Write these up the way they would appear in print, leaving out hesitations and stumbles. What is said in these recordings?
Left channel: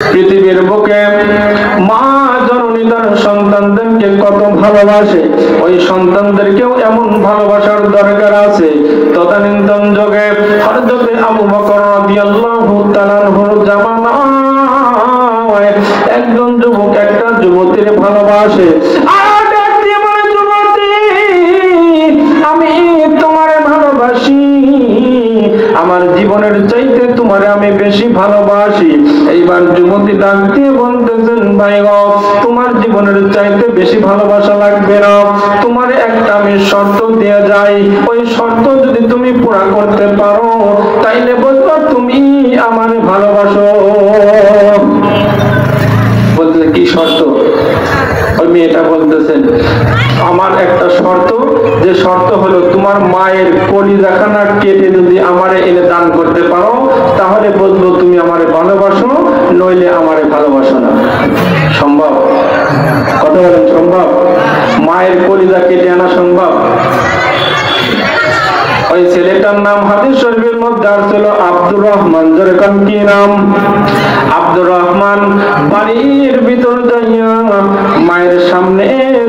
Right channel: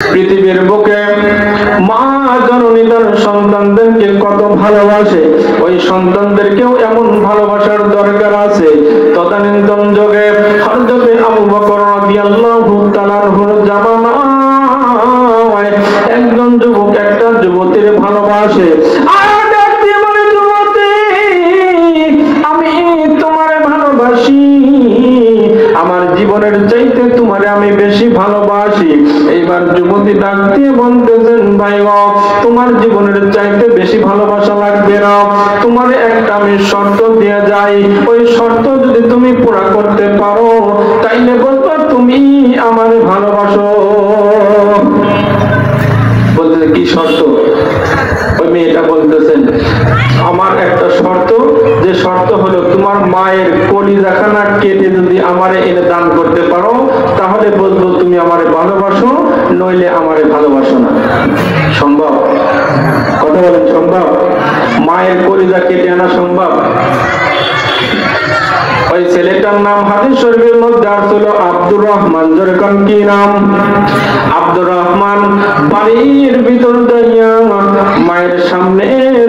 পৃথিবীর বুকে মা জননী তার সন্তানদেরকে কত ভালোবাসে, ওই সন্তানদেরকেও এমন ভালোবাসার দরকার আছে। তদানীন্তন যুগে হযরত আবু বকর রাদিয়াল্লাহু তাআলা আনহুর জামানায় একজন যুবক একটা যুবতীর ভালোবাসে। আমি তোমারে ভালোবাসি, আমার জীবনের চাইতে তোমারে আমি বেশি ভালোবাসি। এইবার যুবতী ডাক দিয়ে বলতেছেন, ভাই গো, তোমার জীবনের চাইতে বেশি ভালোবাসা লাগবে না, তোমার একটা আমি শর্ত দিয়ে যাই, ওই শর্ত যদি তুমি পুরা করতে পারো তাইলে বলতো তুমি আমার ভালোবাসো। বলতে কি শর্ত? ওই মেয়েটা বলতেছেন, আমার একটা শর্ত, যে শর্ত হলো তোমার মায়ের কলিজাখানা কেটে যদি আমারে এনে দান করতে পারো তাহলে বলবো তুমি আমারে ভালোবাসো, নইলে আমারে ভালোবাসো না। সম্ভব? কথা বলেন, সম্ভব? মায়ের কলিজা কেটে আনা সম্ভব? ওই ছেলেটার নাম হাদিস শরীফের মধ্যে আসছিল আব্দুর রহমান। যেরকম কি নাম? আব্দুর রহমান। বাড়ির ভিতর যাইয়া মায়ের সামনে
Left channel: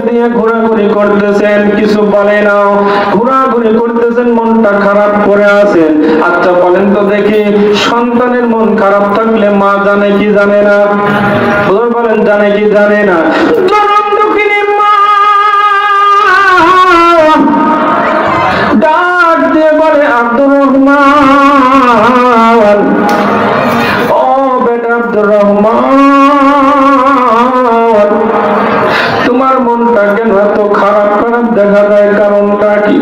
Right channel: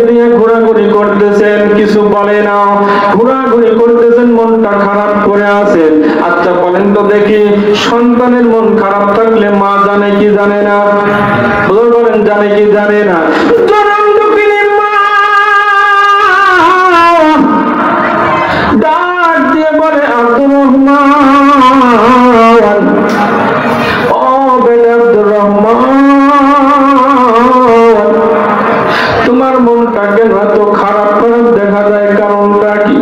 দিয়ে ঘোরাঘুরি করতেছেন, কিছু বলে না, ঘোরাঘুরি করতেছেন, মনটা খারাপ করে আছেন। আচ্ছা বলেন তো দেখি, সন্তানের মন খারাপ থাকলে মা জানে কি জানে না? বলেন, জানে কি জানে না? ডাক দিয়ে বলে, আব্দুর রহমান, ও বেটা আব্দুর রহমান, তোমার মনটা কেন এত খারাপ করে দেখা যায়? কারণটা কি?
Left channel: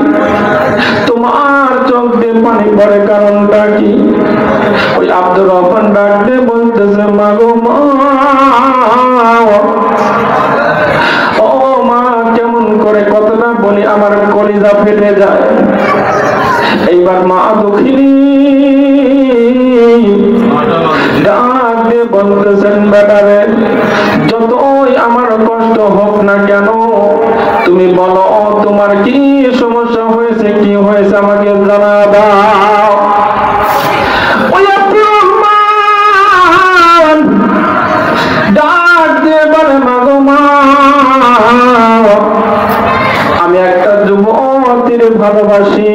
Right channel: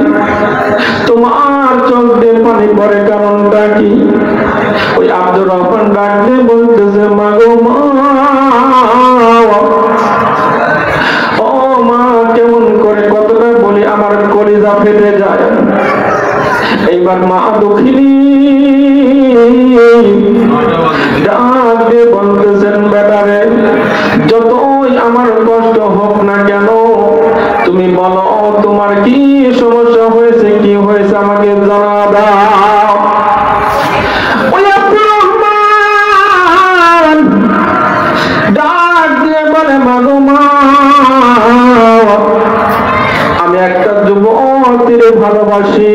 তোমার চোখ দিয়ে পানি পড়ে, কারণটা কি? ওই আব্দুর রহমান ডাক দিয়ে বলতেছে, মা গো মা, ও মা, কেমন করে কতটা বলি আমার কলিজা ফেটে যায়। এইবার মা দুঃখিনী ডাক দিয়ে বলতেছেন, বেটারে, যতই আমার কষ্ট হোক না কেন তুমি বলো তোমার কি সমস্যা হয়েছে, কি হয়েছে আমাকে জানাবা। ডাক দিয়ে বলে, মাগো মা, আমি একটা যুবতীর ভালোবাসি,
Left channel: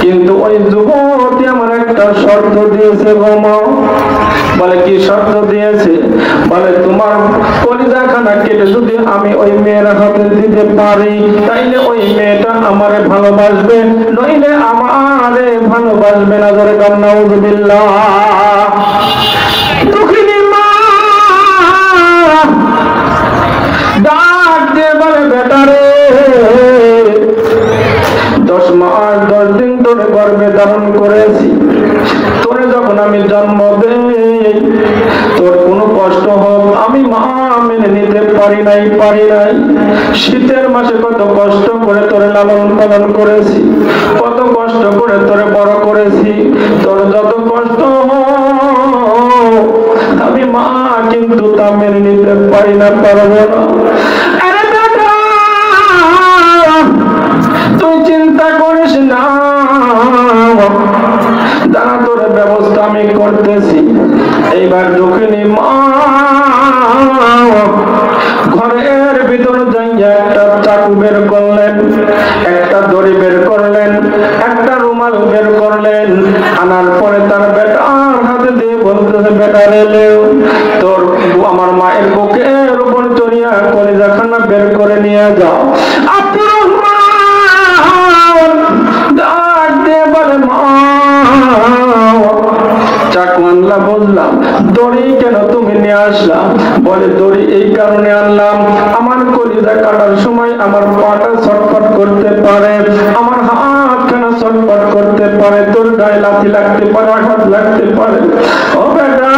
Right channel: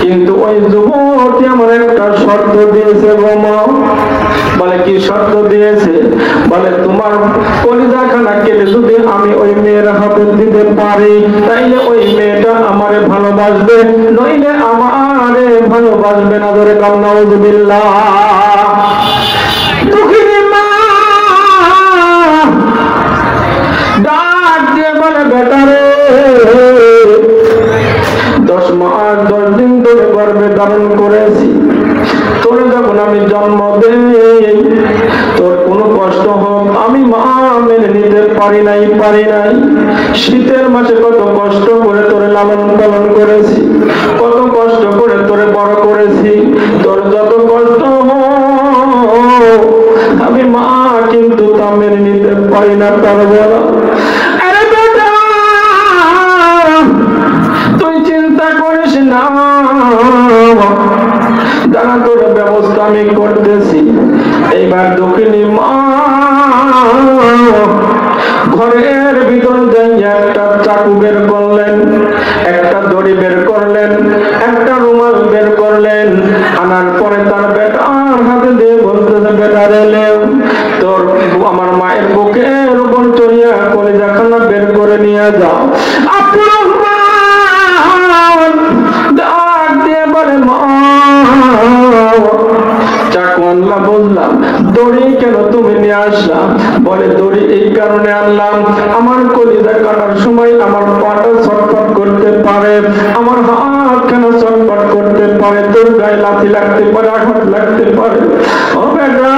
কিন্তু ওই যুবতী আমার একটা শর্ত দিয়েছে গো মা। বলে, কি শর্ত দিয়েছে? বলে, তোমার কলিজাখানা কেটে যদি আমি ওই মেয়ের হাতে দিতে পারি তাইলে ওই মেয়েটা আমারে ভালোবাসবে, নইলে আমারে ভালোবাসবে না। ধরে নাউযুবিল্লাহ। ডাক দিয়ে বলে, বেটারে, 10 মাস 10 দিন ধরে গর্ভে ধারণ করেছি, তোরে যখন আমি জন্ম দেই তোর কোনো কষ্ট হোক আমি মা মেনে নিতে পারি নাই। শীতের মাসে কত কষ্ট করে তোরে লালন পালন করেছি, কত কষ্ট করে তোরে বড় করেছি, তোর যত কষ্ট আমি মা কিন্তু তা মেনে নিতে পারি না, পারবো না। তুই চিন্তা করিস না, দাঁড়া, তোর ব্যবস্থা আমি করতেছি। এইবার দক্ষিণী মা ঘরের ভিতর একটা চাকু বের করলেন, একটা দড়ি বের করলেন, একটা রুমাল বের করলেন, আনার পরে তার বেটার হাতে দিয়ে বলতেছে, বেটা রেলেও তোর আমার মায়ের বুকের উপর চড়িয়া কলিজাখানা বের করে নিয়ে যাও। ডাক দিয়ে বলে, মা, চাকু আনলা বুঝলাম, দড়ি কেন তুমি নিয়ে আসলা? বলে, দড়ি এই কারণে আনলাম, আমার কলিজা কাটার সময় আমার পাটা ছটফট করতে পারে, আমার হাত কেন ছটফট করতে পারে, তোর গায়ে লাথি লাগতে পারে, আঘাত লাগতে পারে। ও বেটা,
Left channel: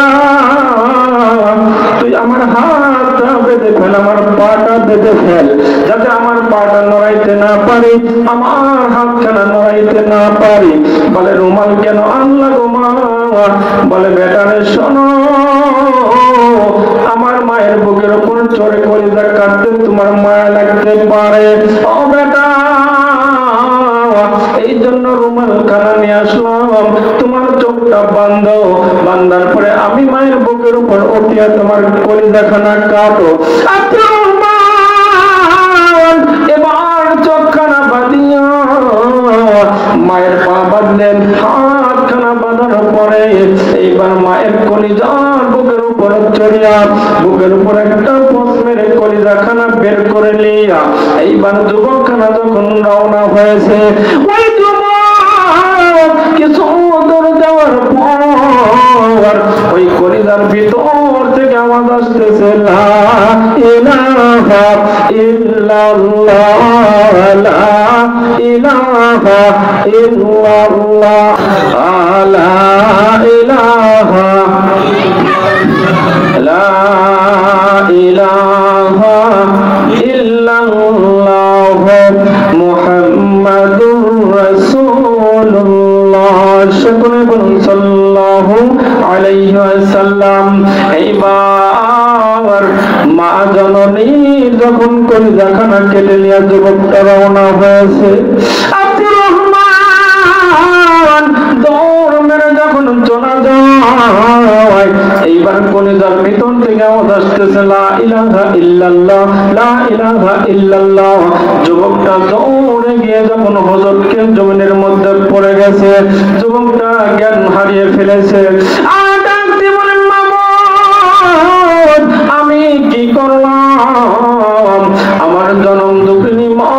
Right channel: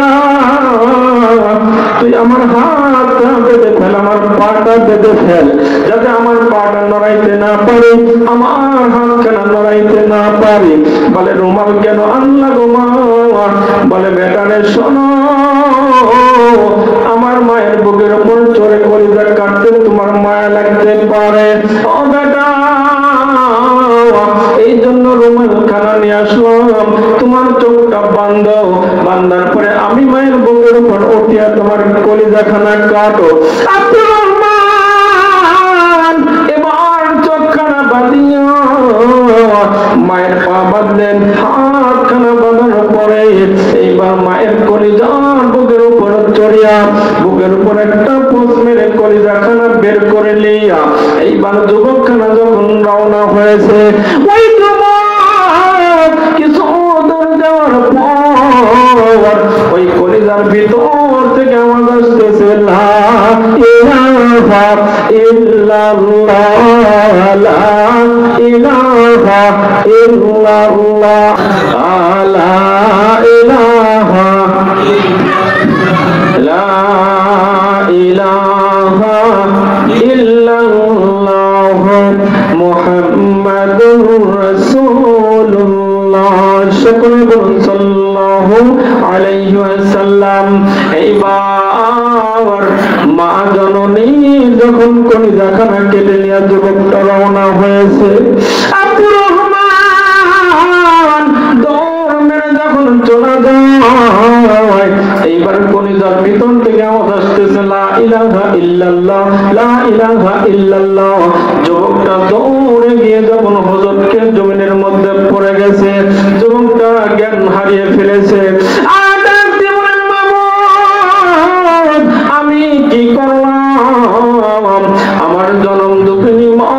তুই আমার হাতটা বেঁধে ফেল, আমার পাটা বেঁধে ফেল, যাতে আমার পাটা নড়াইতে না পারি, আমার হাত কেন নড়াইতে না পারি। বলে, রুমাল কেন আনলা গো মা? বলে, বেটারে শোনো, আমার মায়ের বুকের উপর চড়ে কলিজা কাটতে নিয়ে তোমার কলিজাখানা কাটো। এবার চোখখানা বাঁধিয়া মায়ের পা বাঁধলেন, হাতখানা বাঁধানোর পরে এইবার মায়ের কলিজার বুকের উপর চড়িয়া বুকের উপর একটা পোষ মেরে কলিজাখানা বের করে নিয়া এইবার যুবকখানা যখন রওনা হয়েছে, ওই যুবক কিছু দূর যাওয়ার পর ওই কলিজার ভিতর থেকে আওয়াজ আসতেছে, লা ইলাহা ইল্লাল্লাহ, লা ইলাহা ইল্লাল্লাহ, লা ইলাহা লা ইলাহা ইল্লাল্লাহ মুহাম্মাদুর রাসূলুল্লাহ। সকলে বলুন সাল্লাল্লাহু আলাইহি ওয়াসাল্লাম। এইবার মা জননী যখন কলিজাখানা কেটে নিয়ে যুবকটা রওনা হয়েছে, আব্দুর রহমান দৌড় মেরে যখন চলে যায়, এইবার কলিজার ভিতর থেকে আওয়াজ আসতেছে, লা ইলাহা ইল্লাল্লাহ, লা ইলাহা ইল্লাল্লাহ। যুবকটা দৌড়ে গিয়ে যখন হযরতকে জমিনের মধ্যে পড়ে গেছে, যুবকটা জ্ঞান হারিয়ে ফেলেছে। আমি কি করলাম? আমার জনম দুঃখিনী মা,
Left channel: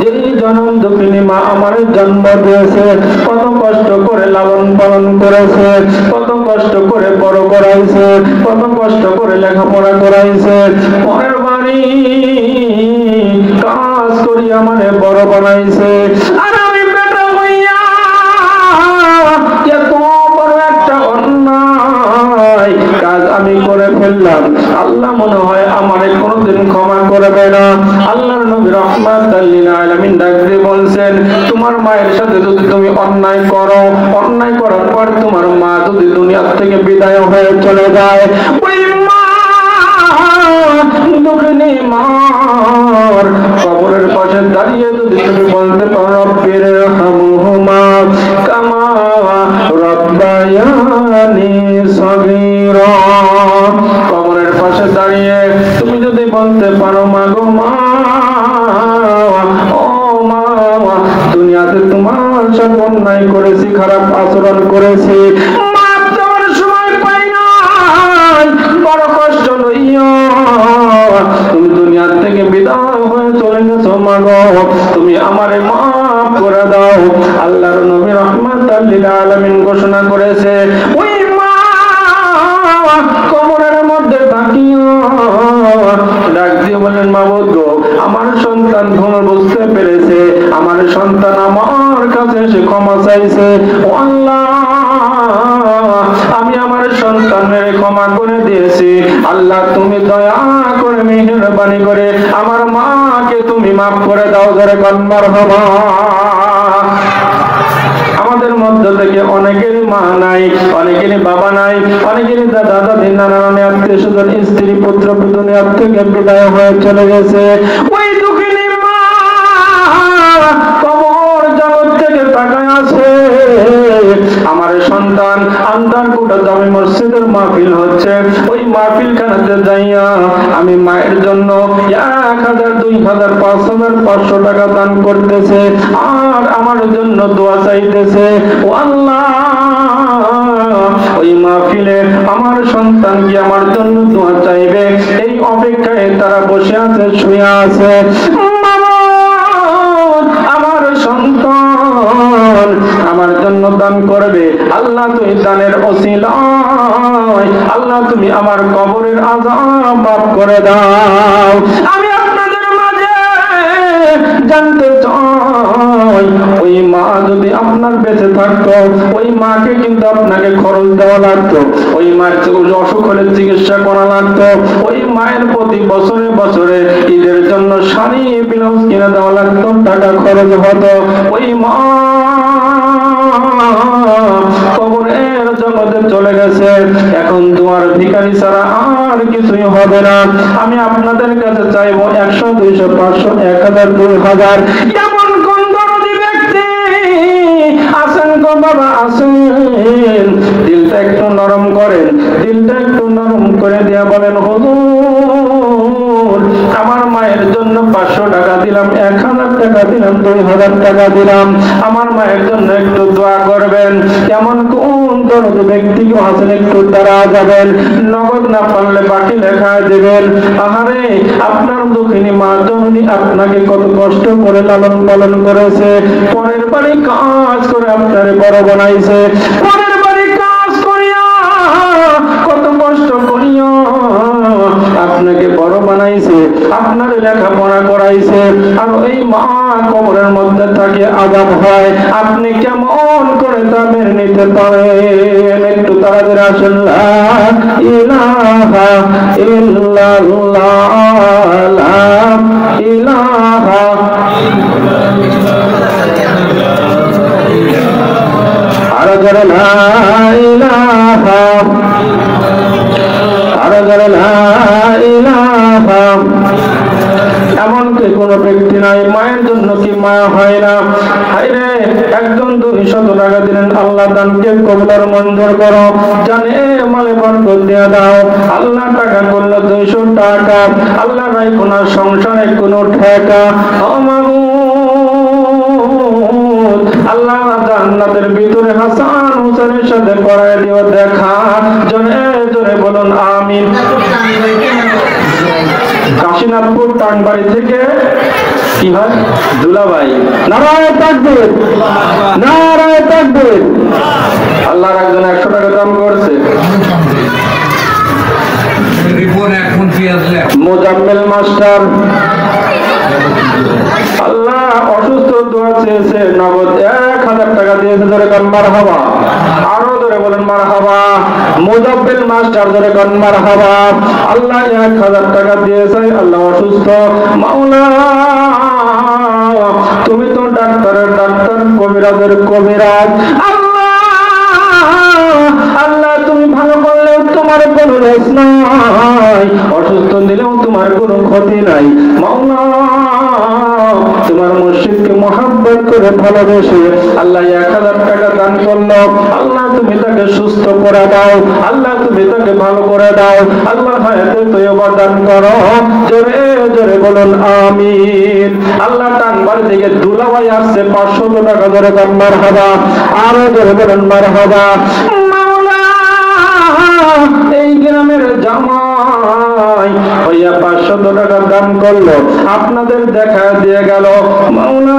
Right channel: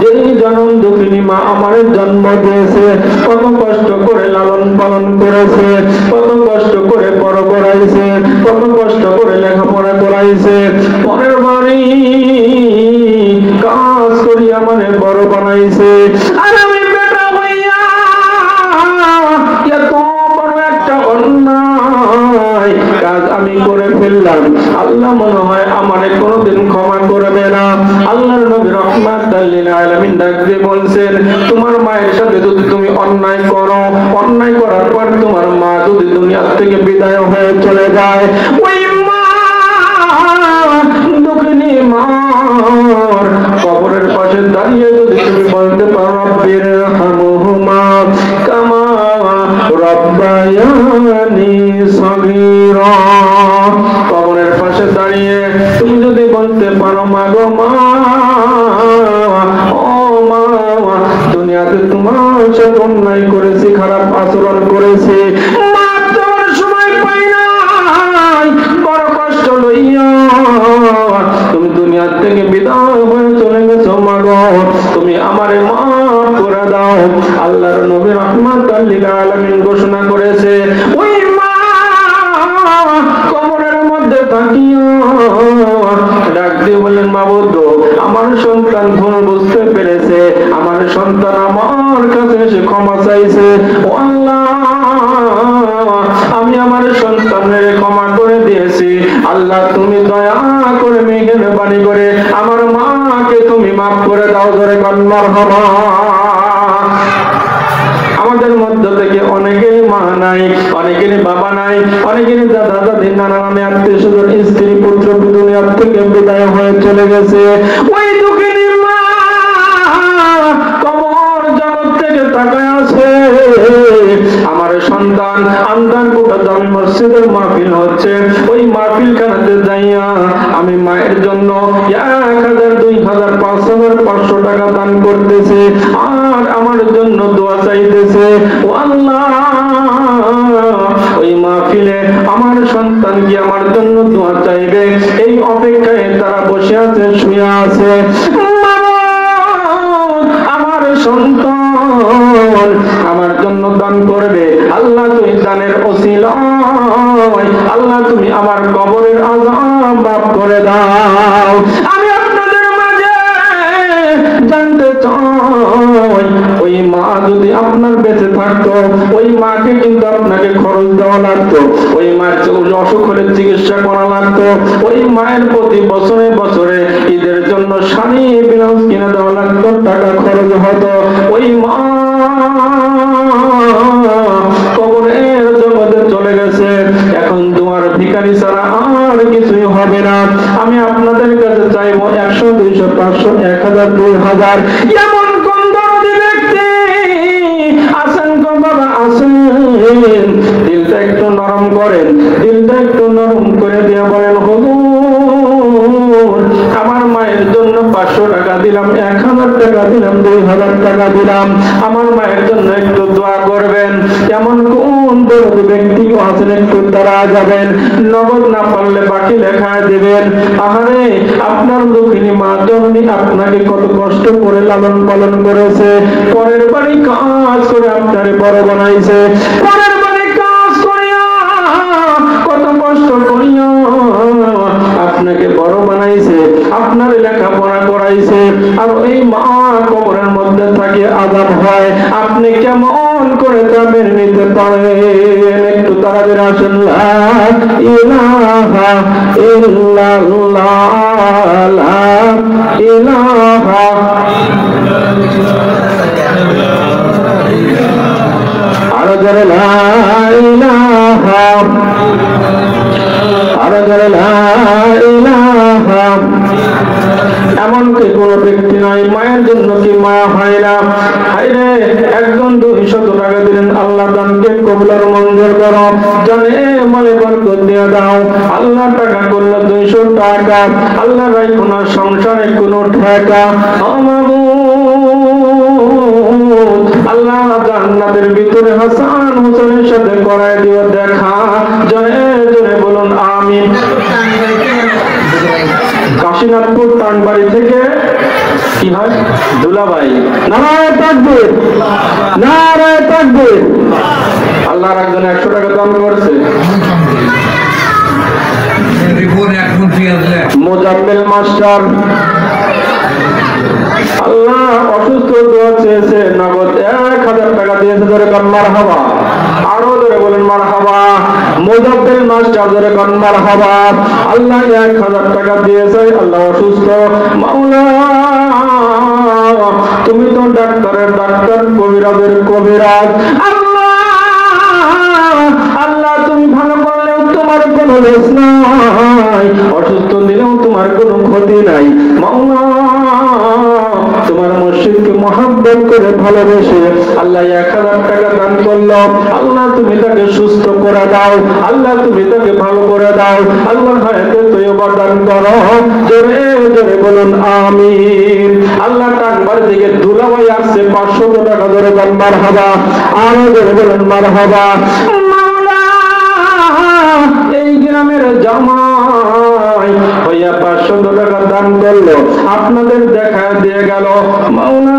যে জনম দুঃখিনী মা আমার জন্ম দিয়েছে, কত কষ্ট করে লালন পালন করেছে, কত কষ্ট করে বড় করাইছে, কত কষ্ট করে লেখাপড়া করাইছে, পরের বাড়ি কাজ করি আমার বড় বানাইছে। আর আমি বেটা হইয়া এত বড় একটা অন্যায় কাজ আমি করে ফেললাম, আল্লাহ মনে হয় আমারে কোনোদিন ক্ষমা করবে না। আল্লাহর নবী রাহমাতাল লিল আলামিন ডাক দিয়ে বলছেন, তোমার মায়ের সাথে যদি তুমি অন্যায় করো, অন্যায় করার পর তোমার মা যদি দুনিয়া থেকে বিদায় হয়ে চলে যায়, ওই মা দুঃখিনী মার কবরের পাশে দাঁড়িয়ে যদি তুমি বলতে পারো, রব্বির হামহুমা কামা রাব্বায়ানি সগীরা, কবরের পাশে দাঁড়িয়ে তুমি যদি বলতে পারো, মা গো মা, ও মা, দুনিয়াতে তোমার সাথে অন্যায় করেছি, খারাপ আচরণ করেছি, সময় পাই নাই, বড় কষ্ট লইয়া তুমি দুনিয়ার থেকে বিদায় হয়ে চলে গেছো, মা গো তুমি আমারে মাফ করে দাও। আল্লাহর নবী রাহমাতাল লিল আলামিন ঘোষণা করেছে, ওই মা কবরের মধ্যে তাকিয়ে ডাক দিয়ে বলেন, মাবুদ গো, আমার সন্তান ভুল বুঝতে পেরেছে, আমার সন্তান আমার কাছে এসে ক্ষমা চাইছে, ও আল্লাহ আমি আমার সন্তানের ক্ষমা করে দিয়েছি, আল্লাহ তুমি দয়া করে মেহেরবানি করে আমার মাকে তুমি মাফ করে দাও। ধরে কান মারহাবা। আমাদের মধ্যে থেকে অনেকেরই মা নাই, অনেকেরই বাবা নাই, অনেকেরই দাদা দাদি নানা নানি আত্মীয় স্বজন স্ত্রী পুত্র দুনিয়ার থেকে বিদায় হয়ে চলে গেছে। ওই দুঃখিনী মা কবর জগৎ থেকে তাকায় আছে, আমার সন্তান আন্দারকুটা জামি মসজিদের মাহফিল হচ্ছে, ওই মাহফিল খানাতে যাইয়া আমি মায়ের জন্য 1000, 2000, 500, 500 টাকা দান করতেছে, আর আমার জন্য দোয়া চাইতেছে। ও আল্লাহ, ওই মাহফিলে আমার সন্তান কি আমার জন্য দোয়া চাইবে, এই অপেক্ষায় তারা বসে আছে, শুয়ে আছে। আমার সন্তান আমার জন্য দান করবে, আল্লাহ তুমি দানের ওসিলায় আল্লাহ তুমি আমার কবরের আযাব মাফ করে দাও। আমি আপনাদের মাঝে জানতে চাই, ওই মা যদি আপনার বেঁচে থাকতো, ওই মাকে কিন্তু আপনাকে খরচ দেওয়া লাগতো, ওই মার অসুখ হলে চিকিৎসা করা লাগতো, ওই মায়ের প্রতি বছরে বছরে ঈদের জন্য শাড়ি ব্লাউজ কিনে দেওয়া লাগতো, টাকা খরচ হতো। ওই মা কবরের জগতে চলে গেছে, এখন তোমার ভিখারি ছাড়া আর কিছুই হবে না। আমি আপনাদের কাছে চাইবো 100, 200, 500, 1000, 2000 এমন কোন দরদি ব্যক্তি আছেন গো বাবা, আছেন, দিলটা একটু নরম করেন। দিলটা একটু নরম করে দিয়া বলেন, হুজুর আমার মায়ের জন্য 500 টাকা দিলাম, 1000 টাকা দিলাম, 2000 টাকা দিলাম, আমার মায়ের জন্য একটু দোয়া করবেন। এমন কোন দরদি ব্যক্তি আছেন একটু দাঁড়া যাবেন, নগদ না পারলে বাকি লেখায় দেবেন। আহারে আপনার দুঃখিনী মা জননী আপনাকে কত কষ্ট করে লালন পালন করেছে, পরের বাড়ি কাজ করে আপনারে বড় বানাইছে, পরের বাড়ি কাজ করিয়া কত কষ্ট করিয়া আপনাকে বড় বানাইছে, আপনার লেখাপড়া করাইছে, আর এই মা কবরের মধ্যে থাকে আযাব হয়, আপনি কেমন করে তা মেনে নিতে পারেন? একটু তাড়াতাড়ি আসুন। লা ইলাহা ইল্লাল্লাহ, লা ইলাহা আরো জোরে লা ইলাহা, আরো জোরে লা ইলাহা। এমনকি কোন ব্যক্তি নাই মায়ের জন্য কি মা হয় না? হায়রে একজন 200 টাকা দিলেন, আল্লাহ দানকে কবুল আর মঞ্জুর করো, জানে মালে বরকত দিয়ে দাও। আল্লাহ টাকা করলো 200 টাকা, আল্লাহ নাই কোন সংসারে কোন ঠেকা, আল্লাহ জান্নাতের ভিতরে হাসান হোসেনের সাথে করায় দিও দেখা, জোরে জোরে বলুন আমিন। কাশীনাথপুর টানবাড়ি থেকে কি হয় দুলাভাই, নারায়ে তাকবীর, নারায়ে তাকবীর। আল্লাহর একজন 100 টাকা দান করেছে। মোজাম্মেল মাস্টার আল্লাহ অসুস্থ দোয়া চেয়েছে, নগদ 1000 টাকা দিয়েছে, ধরে কোন মারহাবা, আরো ধরে বলেন মারহাবা। মোজাম্মেল মাস্টার ধরে কোন মারহাবা। আল্লাহ 1000 টাকা দিয়েছে, আল্লাহ অসুস্থ, মাওলা তুমি তো ডাক্তারের ডাক্তার, কবিরাজের কবিরাজ, আল্লাহ তুমি ভালো করলেও তোমার কোনো দোষ নাই, অসুস্থ দিলেও তোমার কোনো ক্ষতি নাই, মাওলা তোমার মুর্শিদকে মহব্বত করে ভালোবেসে আল্লাহ 1000 টাকা দান করলো, আল্লাহ তুমি তাকে সুস্থ করে দাও, আল্লাহ তুমি তাকে ভালো করে দাও, আল্লাহ হায়াতে তয়্যবা দান করো, জোরে জোরে বলুন আমিন। আল্লাহ টানবার দিকে দুলাভাই আসছে 500 টাকা ধরে দান মারহাবা, আরো জোরে বলুন মারহাবা। এই গ্রামের জামাই হইয়া 500 টাকা দান করলো, আপনাদের দেখা দিয়ে গেল, মাওলা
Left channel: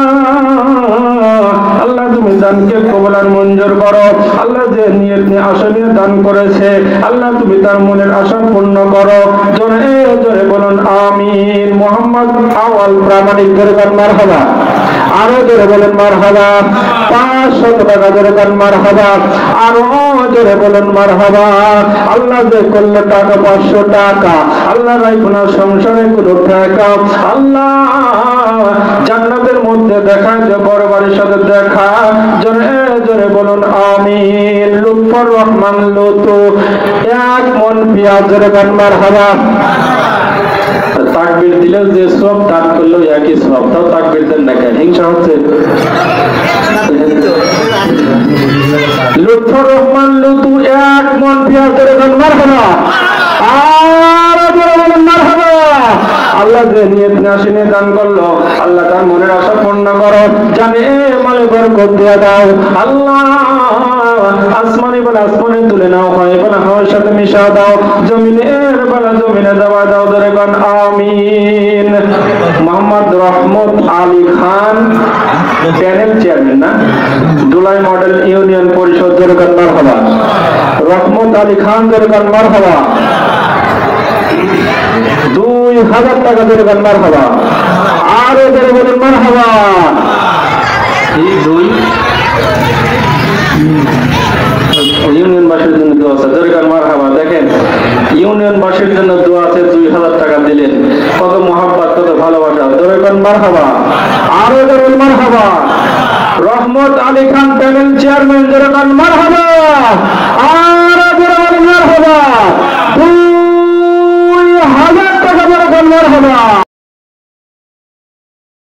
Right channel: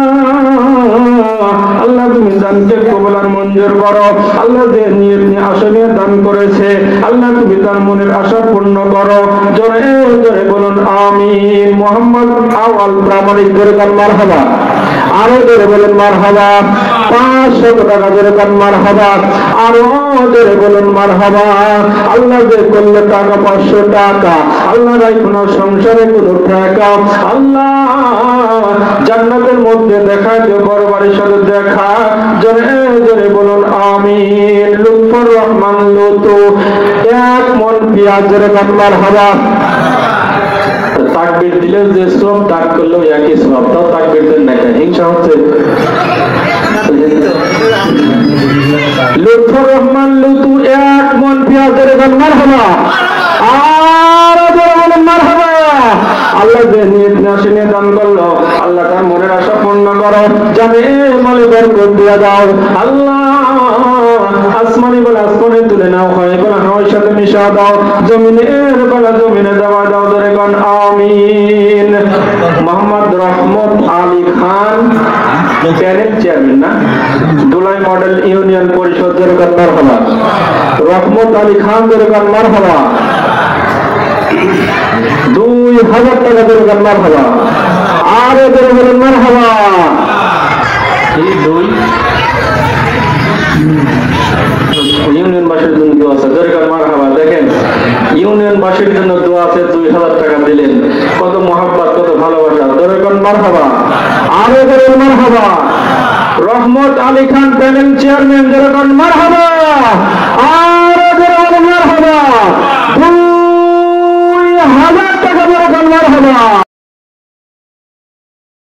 আল্লাহ তুমি দানকে কবুল আর মঞ্জুর করো, আল্লাহ যে নিয়ত নিয়ে আশা নিয়ে দান করেছে আল্লাহ তুমি তার মনের আশা পূর্ণ করো, জোরে জোরে বলুন আমিন। মোহাম্মদ আওয়াল প্রামাণিক ধরে কান মারহাবা, আরো জোরে বলেন মারহাবা। 500 টাকা ধরে কান মারহাবা, আরো জোরে বলেন মারহাবা। আল্লাহ যে করলে টাকা 500 টাকা, আল্লাহ নাই কোন সংসারে কোন টাকা, আল্লাহ জান্নাতের মধ্যে দেখা যে বড় বাড়ির সাথে দেখা, জোরে জোরে বলুন আমিন। লুৎফর রহমান লুতু 1 মন পেঁয়াজ ধরে কান মারহাবা। তাকবীর দিলে যে সব দান করলো একই সব, তাও তাকবীর দেন না কেন? হিংসা হচ্ছে? লুৎফর রহমান লুতু 1 মন পেঁয়াজ ধরে কান মারহাবা, আর বলেন মারহাবা। আল্লাহ যে নিয়ত নাশিনে দান করলো আল্লাহ তার মনের আশা পূর্ণ করো, জানে মালে বরকত দিয়ে দাও, আল্লাহ আসমানি বলে আসমানে তুলে নাও, হয় বলে হাওয়ার সাথে মিশা দাও, জমিনের বলে জমিনে দেওয়া দাও, ধরে কোন আমিন। মোহাম্মদ রহমত আলী খান প্যানেল চেয়ারম্যান না, দুলাই মডেল ইউনিয়ন পরিষদ ধরে কোন মারহাবা। রহমত আলী খান ধরে কোন মারহাবা। 2000 টাকা ধরে কোন মারহাবা, আরো ধরে বলেন মারহাবা। এই দুই ইউনিয়নবাসীর জন্য দোয়া আছে, ধরে কোন মারহাবা। দেখেন ইউনিয়নবাসীর জন্য দোয়া আছে, 2000 টাকা দিলেন, কত মহব্বত কত ভালোবাসা, ধরে কোন মারহাবা, আরো ধরে মারহাবা। রহমত আলী খান প্যানেল চেয়ারম্যান ধরে কোন মারহাবা।